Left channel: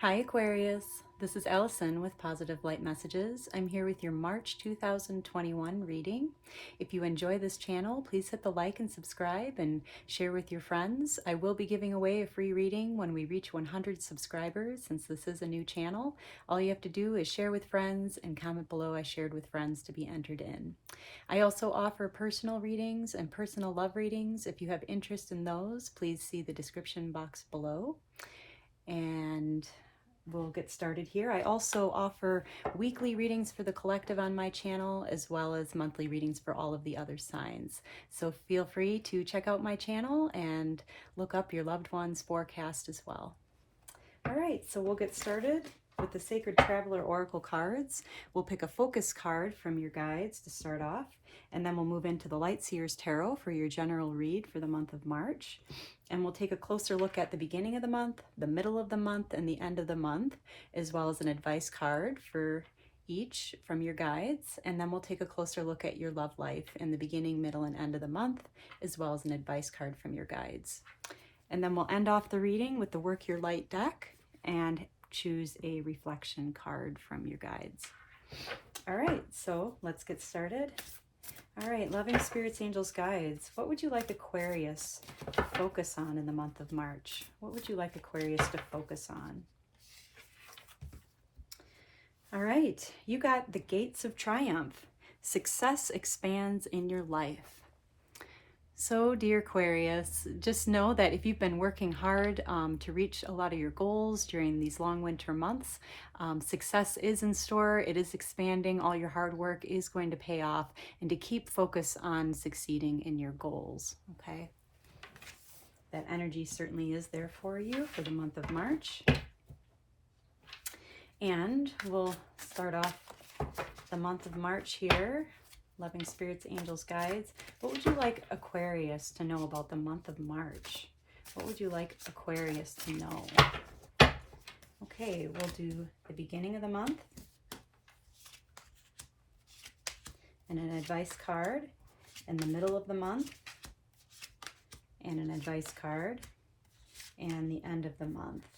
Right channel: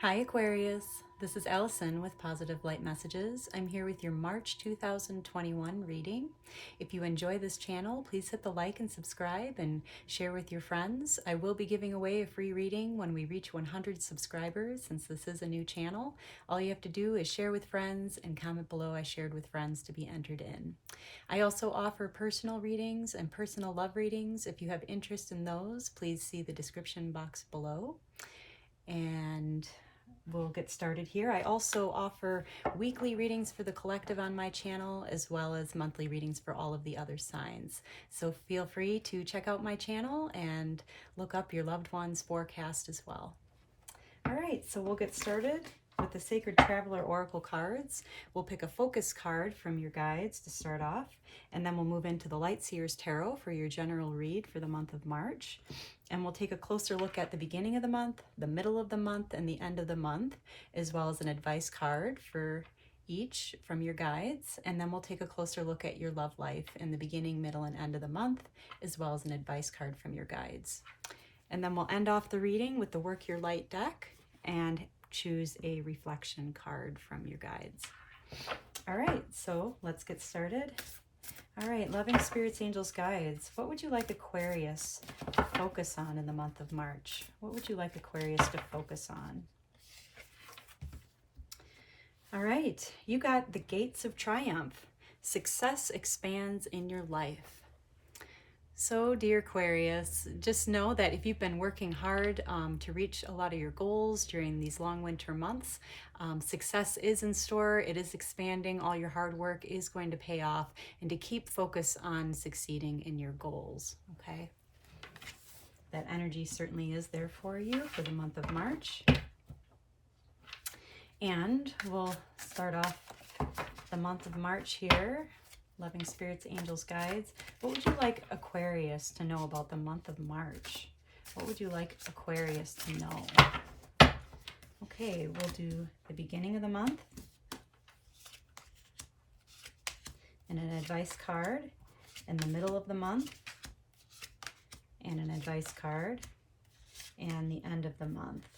Hi Aquarius, this is Allison with Positive Light Messages. I'm here with your March 2021 reading. If you enjoy this channel, please hit the like and subscribe and share with your friends. I will be giving away a free reading when we reach 100 subscribers, since this is a new channel. All you have to do is share with friends and comment below I shared with friends to be entered in. I also offer personal readings and personal love readings. If you have interest in those, please see the description box below. And we'll get started here. I also offer weekly readings for the collective on my channel, as well as monthly readings for all of the other signs. So feel free to check out my channel and look up your loved one's forecast as well. All right, so we'll get started with the Sacred Traveler Oracle cards. We'll pick a focus card from your guides to start off, and then we'll move into the Light Seers Tarot for your general read for the month of March. And we'll take a closer look at the beginning of the month, the middle of the month, and the end of the month, as well as an advice card for each from your guides. And then we'll take a closer look at your love life in the beginning, middle, and end of the month, as well as an advice card from your guides. And then we'll end off the reading with the Work Your Light deck and choose a reflection card from your guides. All right, so let's get started. All right, loving spirits, angels, guides, what would you like Aquarius to focus on in the month of March? What would you like Aquarius to focus on? All right, you got the Gates of Triumph. Success expands in your life. So, dear Aquarius, just know that if you've been working hard to reach a lot of your goals during these long winter months, success is in store. It is expanding. All your hard work is going to pay off, and to keep focus on succeeding in your goals, okay? That energy certainly is there for you for the month of March. And we'll start off the month of March here. Loving spirits, angels, guides. What would you like Aquarius to know about the month of March? What would you like Aquarius to know? Okay, we'll do the beginning of the month and an advice card, in the middle of the month and an advice card, and the end of the month.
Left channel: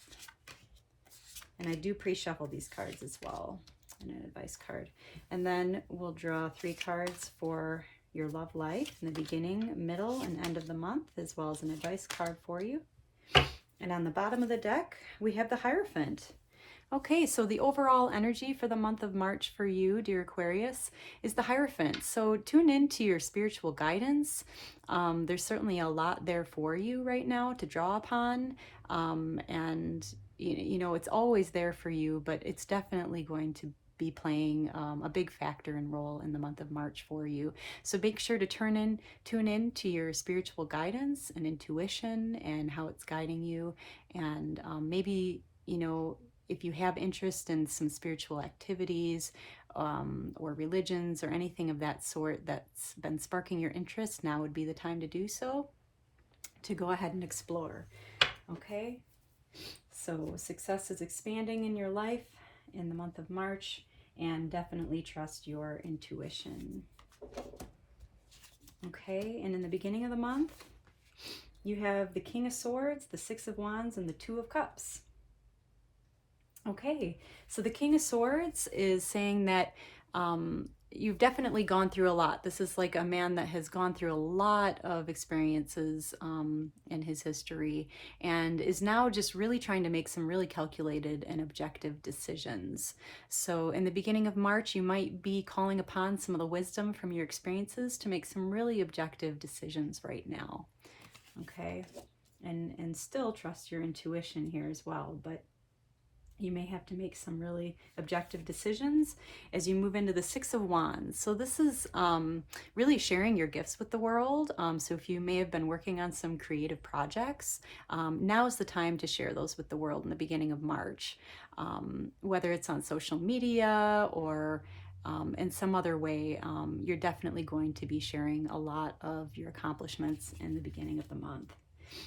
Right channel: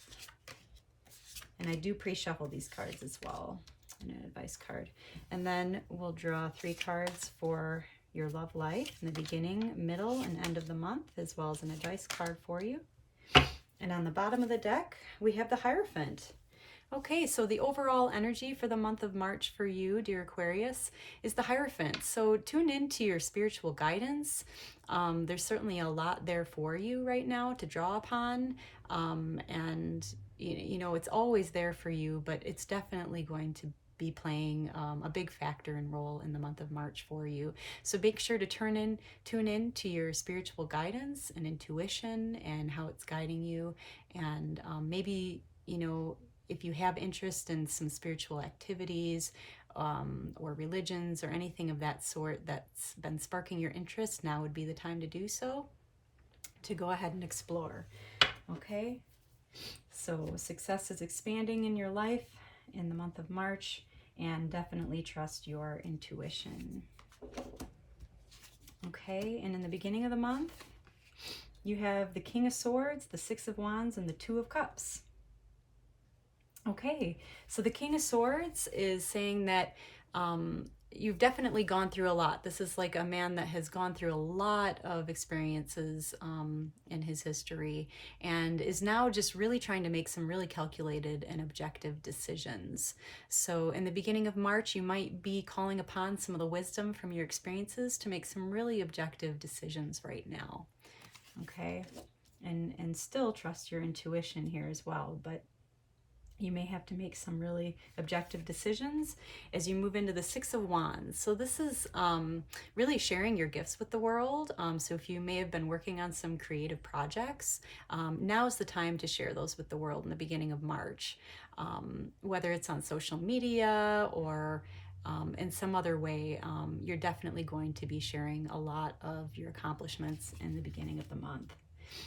And I do pre-shuffle these cards as well, and an advice card. And then we'll draw 3 cards for your love life in the beginning, middle, and end of the month, as well as an advice card for you. And on the bottom of the deck, we have the Hierophant. Okay, so the overall energy for the month of March for you, dear Aquarius, is the Hierophant. So tune into your spiritual guidance. There's certainly a lot there for you right now to draw upon. And you know, it's always there for you, but it's definitely going to be playing a big factor and role in the month of March for you. So make sure to tune in to your spiritual guidance and intuition and how it's guiding you. And maybe, you know, if you have interest in some spiritual activities or religions or anything of that sort that's been sparking your interest, now would be the time to do so, to go ahead and explore. Okay, so success is expanding in your life in the month of March, and definitely trust your intuition. Okay, and in the beginning of the month, you have the King of Swords, the Six of Wands, and the Two of Cups. Okay, so the King of Swords is saying that you've definitely gone through a lot. This is like a man that has gone through a lot of experiences in his history, and is now just really trying to make some really calculated and objective decisions. So in the beginning of March, you might be calling upon some of the wisdom from your experiences to make some really objective decisions right now. Okay, and still trust your intuition here as well, but you may have to make some really objective decisions as you move into the Six of Wands. So this is really sharing your gifts with the world. So if you may have been working on some creative projects, now is the time to share those with the world in the beginning of March. Whether it's on social media or in some other way, you're definitely going to be sharing a lot of your accomplishments in the beginning of the month.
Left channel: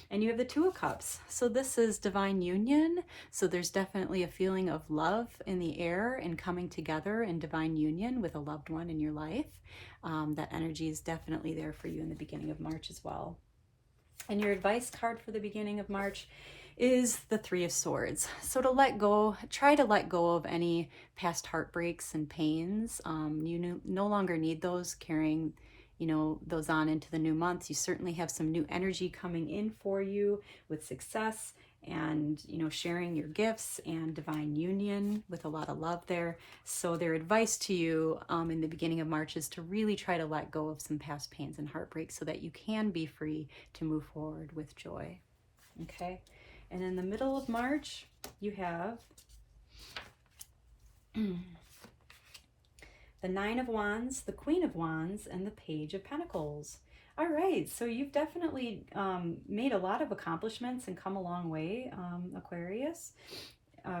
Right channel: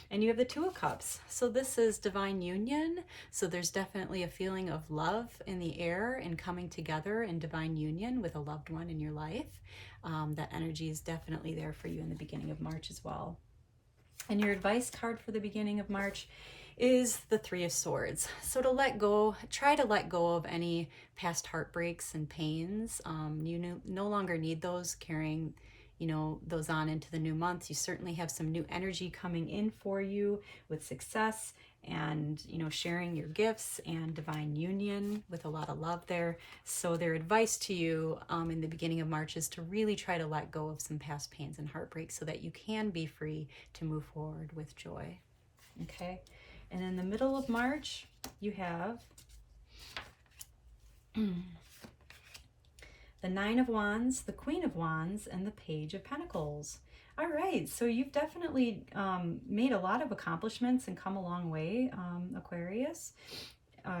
And you have the Two of Cups. So this is divine union. So there's definitely a feeling of love in the air and coming together in divine union with a loved one in your life. That energy is definitely there for you in the beginning of March as well. And your advice card for the beginning of March is the Three of Swords. So to let go, try to let go of any past heartbreaks and pains. You no longer need those, carrying, those on into the new month. You certainly have some new energy coming in for you with success and, sharing your gifts and divine union with a lot of love there. So their advice to you in the beginning of March is to really try to let go of some past pains and heartbreaks so that you can be free to move forward with joy. Okay. And in the middle of March, you have the Nine of Wands, the Queen of Wands, and the Page of Pentacles. All right, so you've definitely made a lot of accomplishments and come a long way, Aquarius.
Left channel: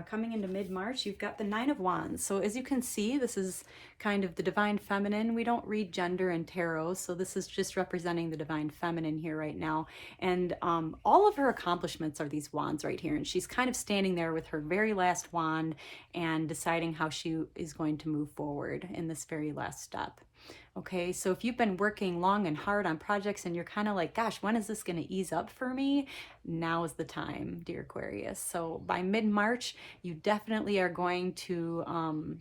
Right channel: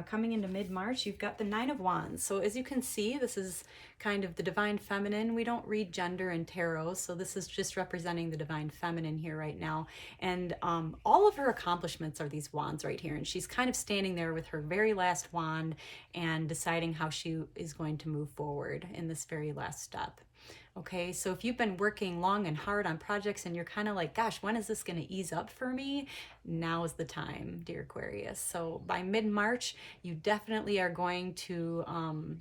Coming into mid-March, you've got the Nine of Wands. So as you can see, this is kind of the divine feminine. We don't read gender in tarot, so this is just representing the divine feminine here right now. And all of her accomplishments are these wands right here. And she's kind of standing there with her very last wand and deciding how she is going to move forward in this very last step. Okay, so if you've been working long and hard on projects and you're kind of like, gosh, when is this going to ease up for me? Now is the time, dear Aquarius. So by mid-March, you definitely are going to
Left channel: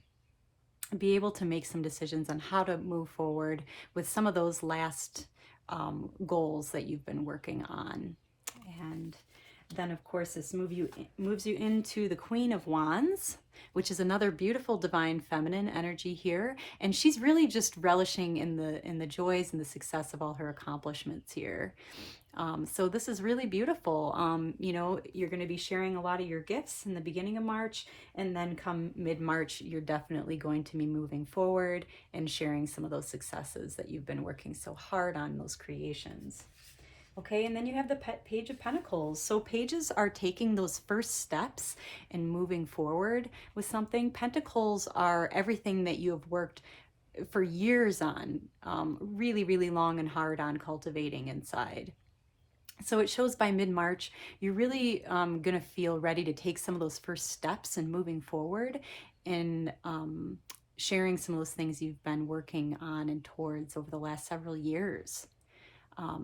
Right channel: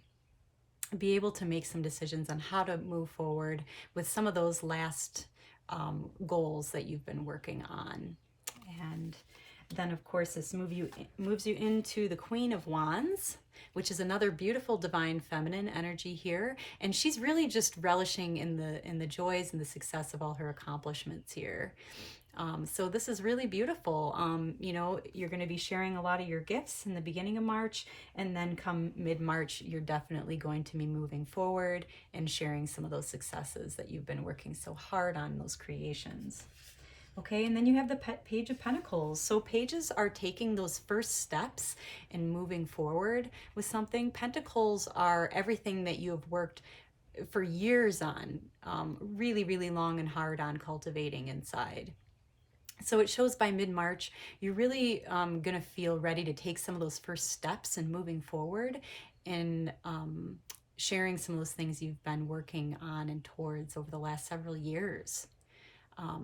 be able to make some decisions on how to move forward with some of those last goals that you've been working on. And then, of course, this moves you into the Queen of Wands, which is another beautiful divine feminine energy here. And she's really just relishing in the joys and the success of all her accomplishments here. So this is really beautiful. You're going to be sharing a lot of your gifts in the beginning of March, and then come mid-March, you're definitely going to be moving forward and sharing some of those successes that you've been working so hard on, those creations. Okay, and then you have the Page of Pentacles. So pages are taking those first steps and moving forward with something. Pentacles are everything that you have worked for years on, really, really long and hard on cultivating inside. So it shows by mid-March, you're really going to feel ready to take some of those first steps and moving forward and sharing some of those things you've been working on and towards over the last several years.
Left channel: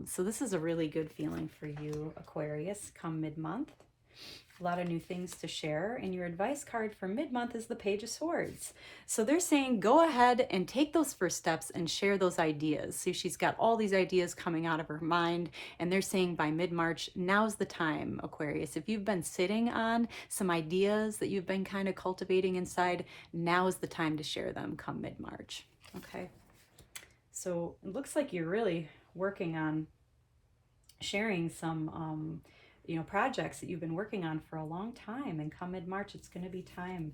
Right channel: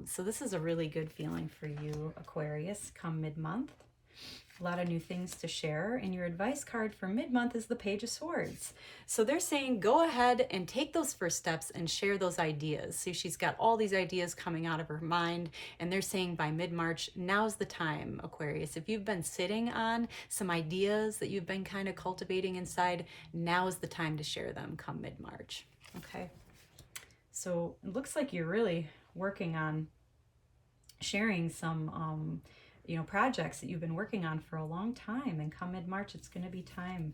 So this is a really good feeling for you, Aquarius, come mid-month. A lot of new things to share. And your advice card for mid-month is the Page of Swords. So they're saying go ahead and take those first steps and share those ideas. So she's got all these ideas coming out of her mind. And they're saying by mid-March, now's the time, Aquarius. If you've been sitting on some ideas that you've been kind of cultivating inside, now is the time to share them come mid-March. Okay. So it looks like you're really working on sharing some projects that you've been working on for a long time, and come mid-March it's going to be time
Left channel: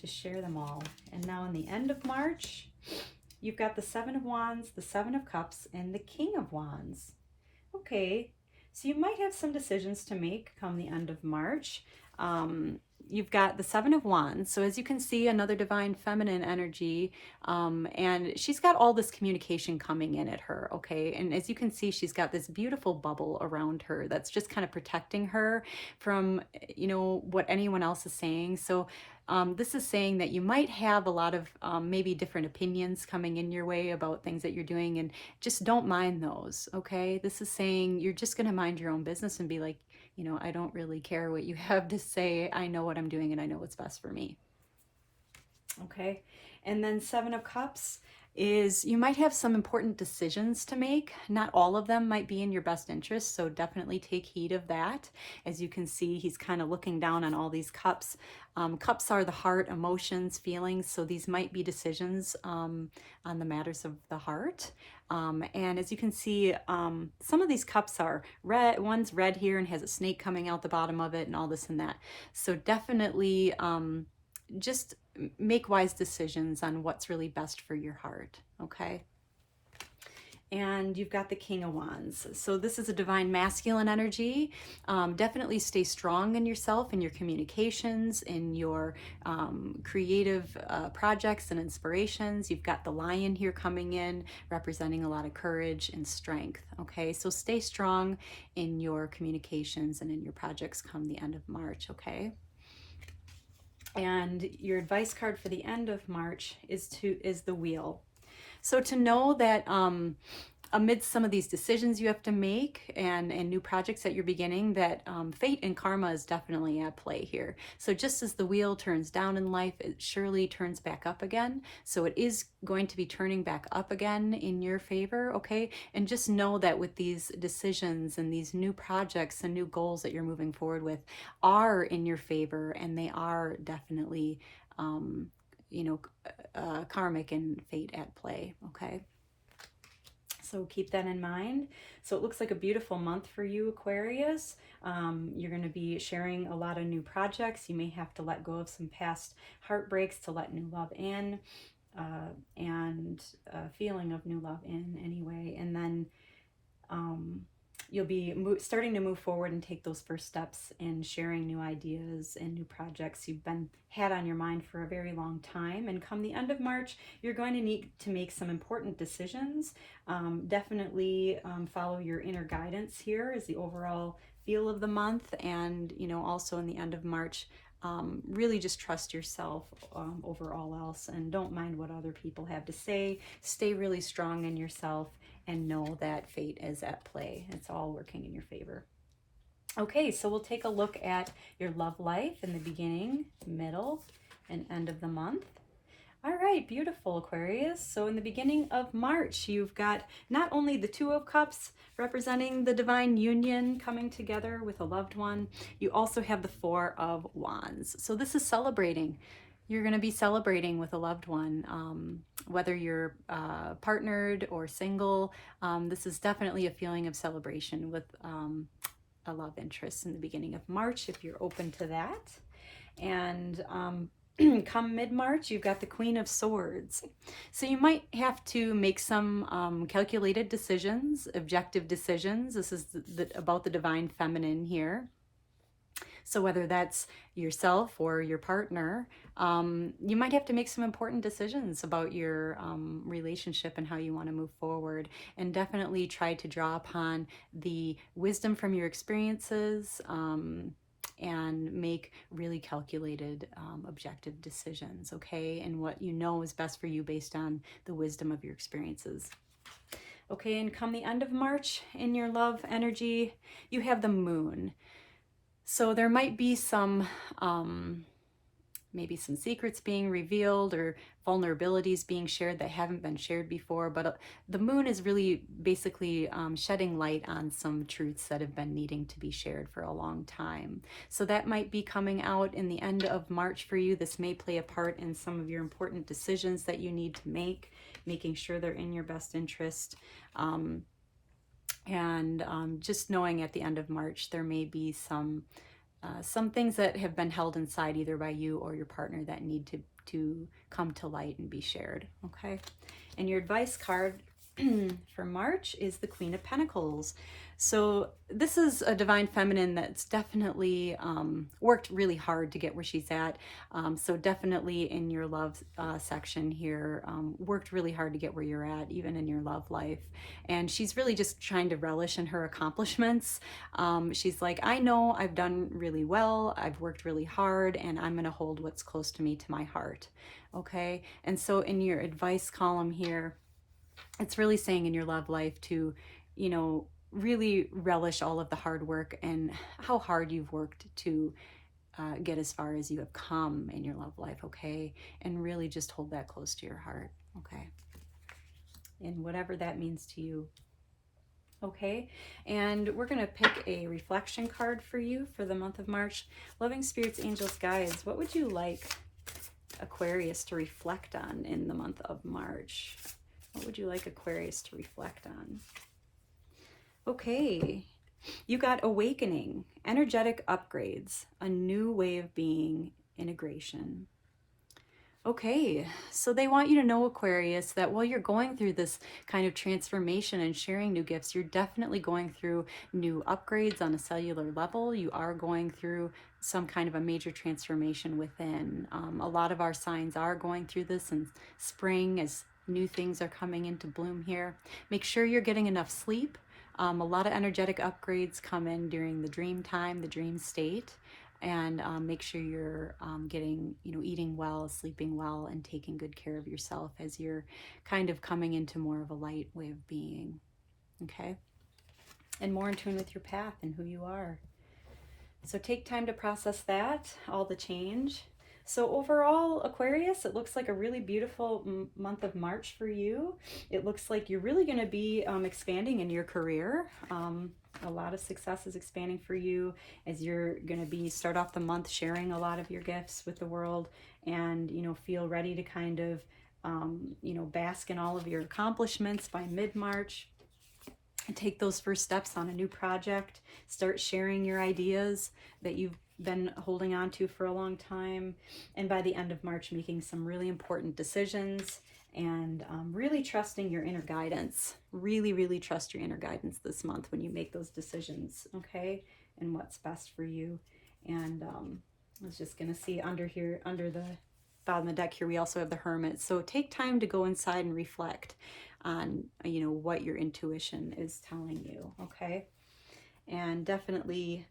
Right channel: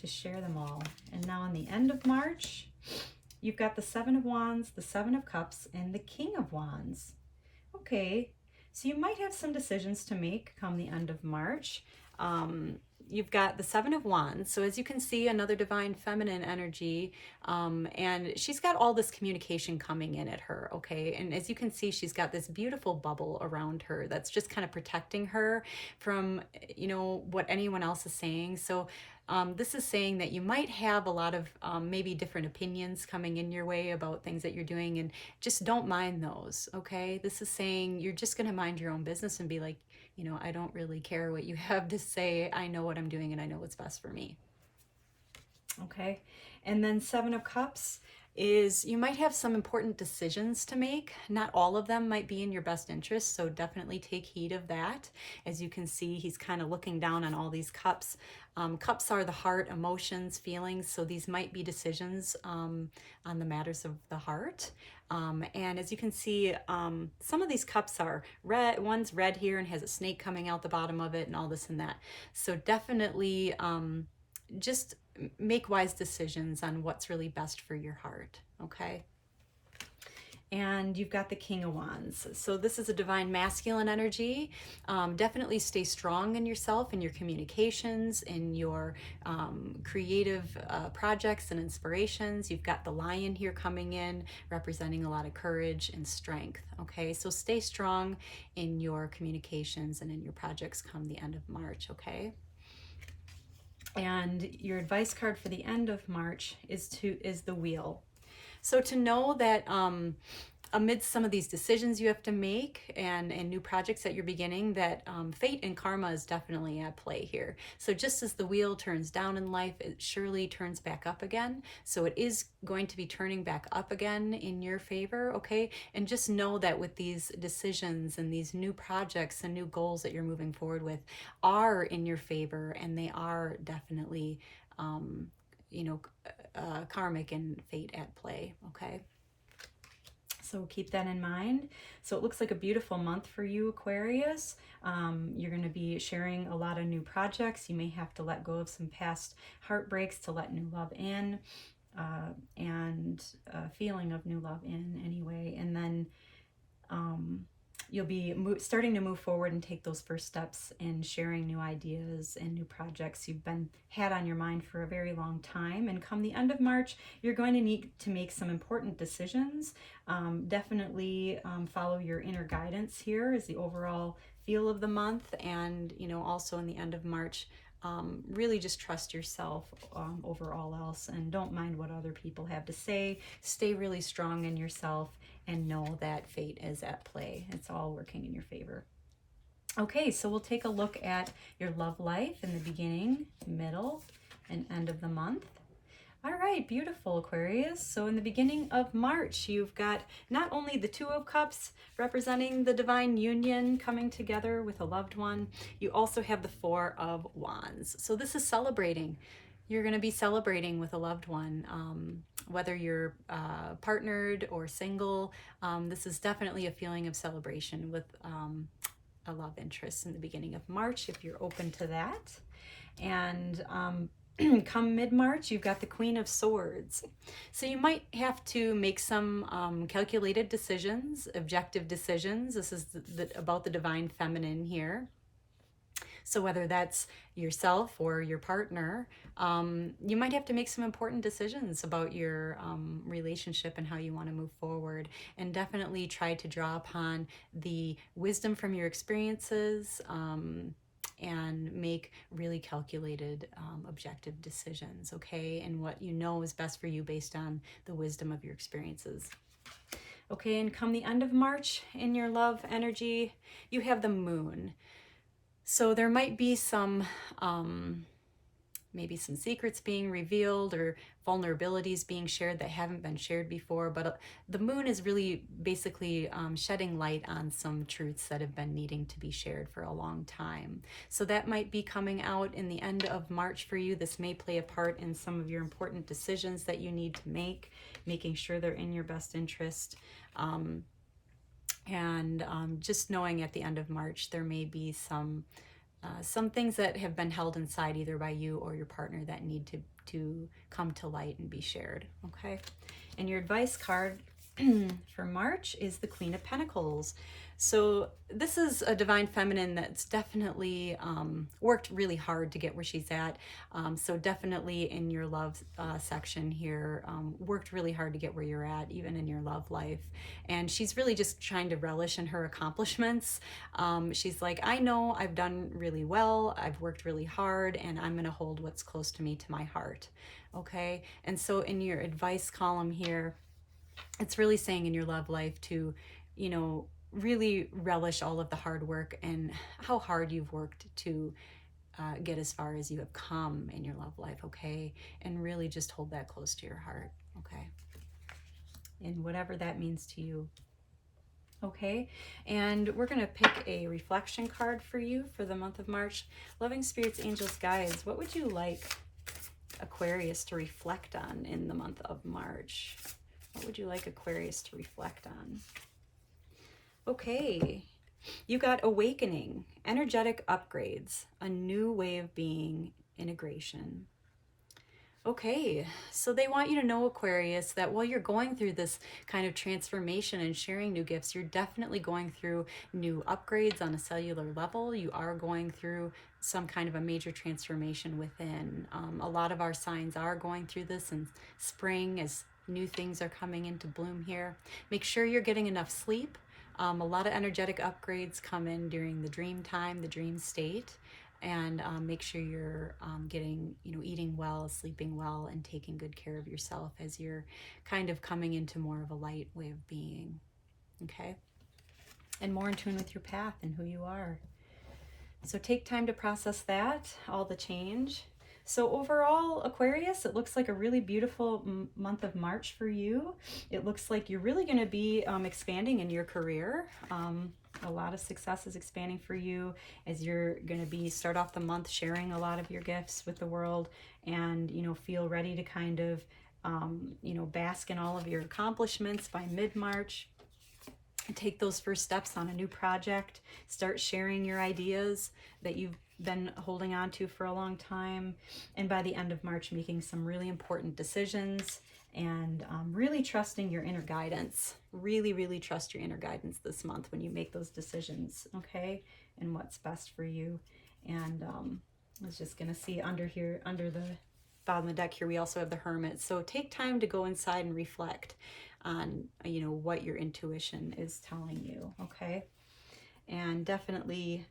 to share them all. And now in the end of March, you've got the Seven of Wands, the Seven of Cups, and the King of Wands. Okay, so you might have some decisions to make come the end of March. You've got the Seven of Wands. So as you can see, another divine feminine energy, and she's got all this communication coming in at her, okay? And as you can see, she's got this beautiful bubble around her that's just kind of protecting her from, what anyone else is saying. So this is saying that you might have a lot of maybe different opinions coming in your way about things that you're doing, and just don't mind those, okay? This is saying you're just going to mind your own business and be like, I don't really care what you have to say. I know what I'm doing and I know what's best for me. Okay. And then Seven of Cups is you might have some important decisions to make. Not all of them might be in your best interest, so definitely take heed of that. As you can see, he's kind of looking down on all these cups. Cups are the heart, emotions, feelings, so these might be decisions on the matters of the heart. And as you can see, some of these cups are red. One's red here and has a snake coming out the bottom of it and all this and that. So definitely just make wise decisions on what's really best for your heart, okay? And you've got the King of Wands. So this is a divine masculine energy. Definitely stay strong in yourself, in your communications, in your creative projects and inspirations. You've got the Lion here coming in, representing a lot of courage and strength. Okay, so stay strong in your communications and in your projects come the end of March, okay? And your advice card for the end of March is the Wheel. So to know that amidst some of these decisions you have to make and new projects that you're beginning, that fate and karma is definitely at play here. So just as the wheel turns down in life, it surely turns back up again. So it is going to be turning back up again in your favor, okay? And just know that with these decisions and these new projects and new goals that you're moving forward with are in your favor, and they are definitely, karmic and fate at play, okay? So keep that in mind. So it looks like a beautiful month for you, Aquarius. You're going to be sharing a lot of new projects. You may have to let go of some past heartbreaks to let new love in, and a feeling of new love in anyway. And then you'll be starting to move forward and take those first steps in sharing new ideas and new projects you've had on your mind for a very long time. And come the end of March, you're going to need to make some important decisions. Definitely follow your inner guidance here as the overall feel of the month. And, also in the end of March, really just trust yourself over all else, and don't mind what other people have to say. Stay really strong in yourself, and know that fate is at play. It's all working in your favor. Okay, so we'll take a look at your love life in the beginning, middle, and end of the month. All right, beautiful, Aquarius. So in the beginning of March, you've got not only the Two of Cups representing the divine union coming together with a loved one, you also have the Four of Wands. So this is celebrating. You're going to be celebrating with a loved one, whether you're partnered or single. This is definitely a feeling of celebration with a love interest in the beginning of March, if you're open to that. And come mid-March, you've got the Queen of Swords. So you might have to make some calculated decisions, objective decisions. This is about the divine feminine here. So whether that's yourself or your partner, you might have to make some important decisions about your relationship and how you want to move forward. And definitely try to draw upon the wisdom from your experiences, and make really calculated, objective decisions, okay? And what you know is best for you based on the wisdom of your experiences. Okay, and come the end of March, in your love energy, you have the Moon. So there might be some, maybe some secrets being revealed or vulnerabilities being shared that haven't been shared before. But the Moon is really basically shedding light on some truths that have been needing to be shared for a long time. So that might be coming out in the end of March for you. This may play a part in some of your important decisions that you need to make, making sure they're in your best interest. Just knowing at the end of March, there may be some things that have been held inside either by you or your partner that need to come to light and be shared, okay? And your advice card for March is the Queen of Pentacles. So this is a divine feminine that's definitely worked really hard to get where she's at. So definitely in your love section here, worked really hard to get where you're at, even in your love life. And she's really just trying to relish in her accomplishments. She's like, I know I've done really well, I've worked really hard, and I'm going to hold what's close to me to my heart. Okay? And so in your advice column here, it's really saying in your love life to, really relish all of the hard work and how hard you've worked to get as far as you have come in your love life, okay? And really just hold that close to your heart, okay? And whatever that means to you, okay? And we're going to pick a reflection card for you for the month of March. Loving spirits, angels, guides, what would you like Aquarius to reflect on in the month of March? What would you like Aquarius to reflect on? Okay, you got awakening, energetic upgrades, a new way of being, integration. Okay, so they want you to know, Aquarius, that while you're going through this kind of transformation and sharing new gifts, you're definitely going through new upgrades on a cellular level. You are going through some kind of a major transformation within. A lot of our signs are going through this in spring as new things are coming into bloom here. Make sure you're getting enough sleep. A lot of energetic upgrades come in during the dream time, the dream state, and make sure you're getting, eating well, sleeping well, and taking good care of yourself as you're kind of coming into more of a light way of being. okay? And more in tune with your path and who you are. So take time to process that, all the change. So overall, Aquarius, it looks like a really beautiful month of March for you. It looks like you're really going to be expanding in your career. A lot of success is expanding for you as you're going to be start off the month sharing a lot of your gifts with the world, and feel ready to kind of bask in all of your accomplishments by mid-March. Take those first steps on a new project. Start sharing your ideas that you've been holding on to for a long time. And by the end of March, making some really important decisions and really trusting your inner guidance. Really, really trust your inner guidance this month when you make those decisions, okay? And what's best for you. And I was just going to see under here, under the bottom of the deck here, we also have the Hermit. So take time to go inside and reflect on what your intuition is telling you, okay? And definitely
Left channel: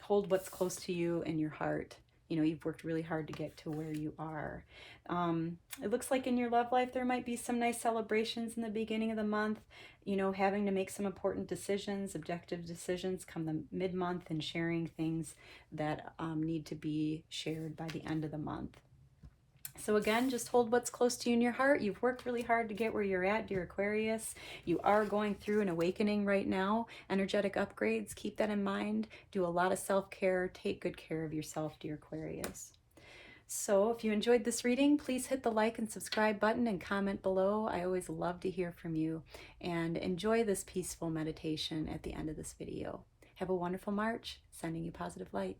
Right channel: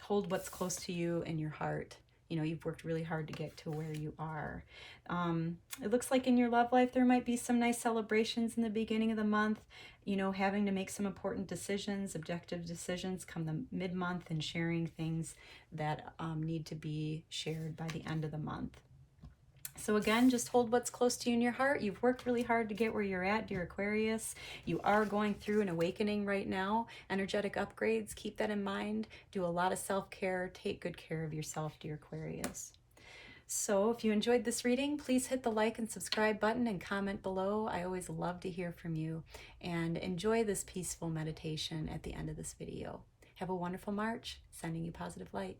hold what's close to you in your heart. You've worked really hard to get to where you are. It looks like in your love life there might be some nice celebrations in the beginning of the month, having to make some important decisions, objective decisions come the mid-month, and sharing things that need to be shared by the end of the month. So again, just hold what's close to you in your heart. You've worked really hard to get where you're at, dear Aquarius. You are going through an awakening right now, energetic upgrades. Keep that in mind. Do a lot of self-care. Take good care of yourself, dear Aquarius. So if you enjoyed this reading, please hit the like and subscribe button and comment below. I always love to hear from you. And enjoy this peaceful meditation at the end of this video. Have a wonderful March. Sending you positive light.